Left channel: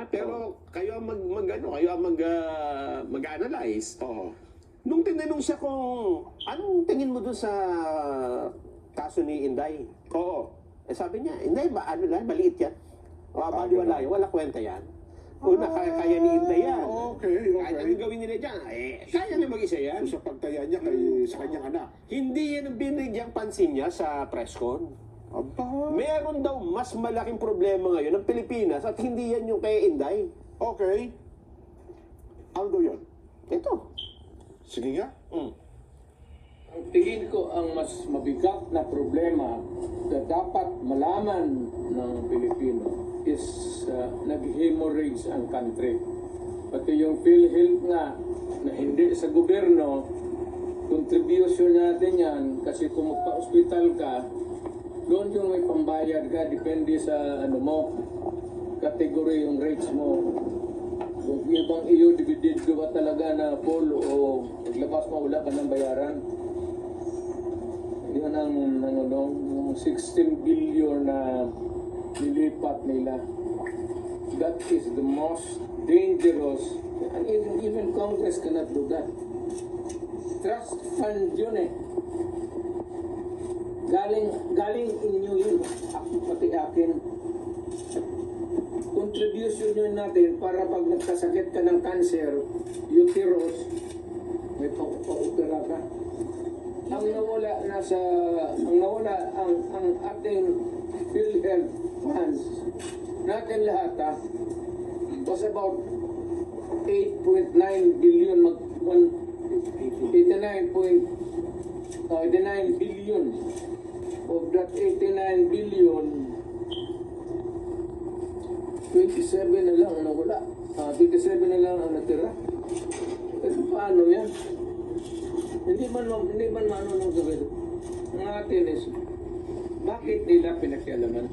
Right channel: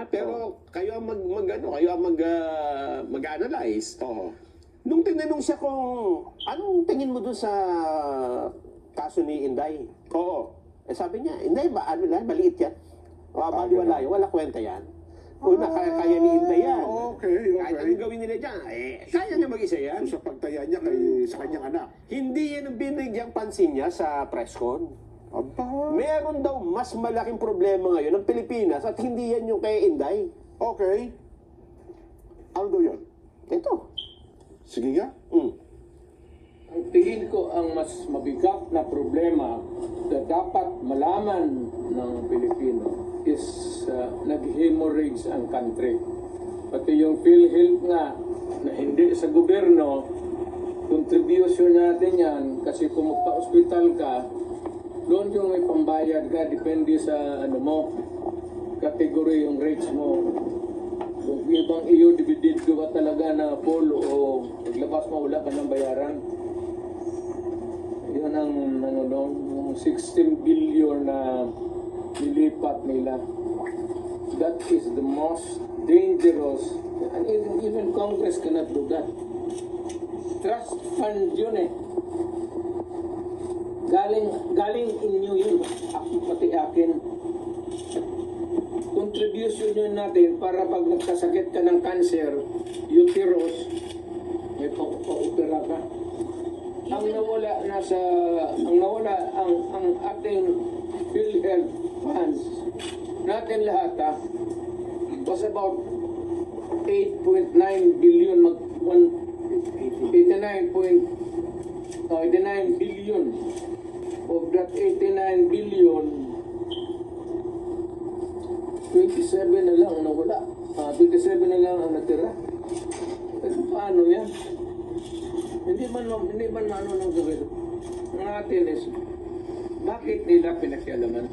ha? Pero kayo ang mag-analyze. Oo. Nung tinanong siya kung anong tingin mo dun sa kaso ni Inday? Oo. Eh sabi niya, Inday ba, ano lang, maliit yan. Baliwala yan, wala kwenta yan. Una, kaya ni Inday yan. Okay. Kahit anong gawin nila dyan, kaya niya mag-isa yan. Sa pagtaya niya sa kanyang anak. Hindi yan ang binigyang pansin niya sa press con. Aba. Meron daw mas malaking problema ngayon ng Pilipinas at hindi yan yung kay Inday. Okay. Ano daw yun? Ito. Sige nga. Ang tingin ko ang mas mabigat na problema na dapat malaman ng Pilipino is nag-hemorrhage ang country. Pati yung PhilHealth nga na hindi sa gobyerno, contribution natin yan kasi kung magpa-hospital ka, doon yung may pambayad ka, depende sa category yung rates mo. Kung ibang iyo, dividend ka ba talaga na full o naglabas mo, wala ka ng bayaran. Yun ang 16 billion na nilipat nila. That is the most dangerous. And even Congress cannot do that. Trust fund yun eh. Galing inyo yun. Ako pati akin. Contribution yun natin para pag nagkasakit ka ng cancer, uterus, may pang-opera ka. Ang nawala ang ating PhilHealth funds natin lahat was about 8.9 billion 89 billion. Of that 89 billion, 27 na lang ang nawala. 27 na lang ang natira. Pero paano yan? Hindi man ano ng gobyerno. Ang atin is, bakit nila pinakialaman?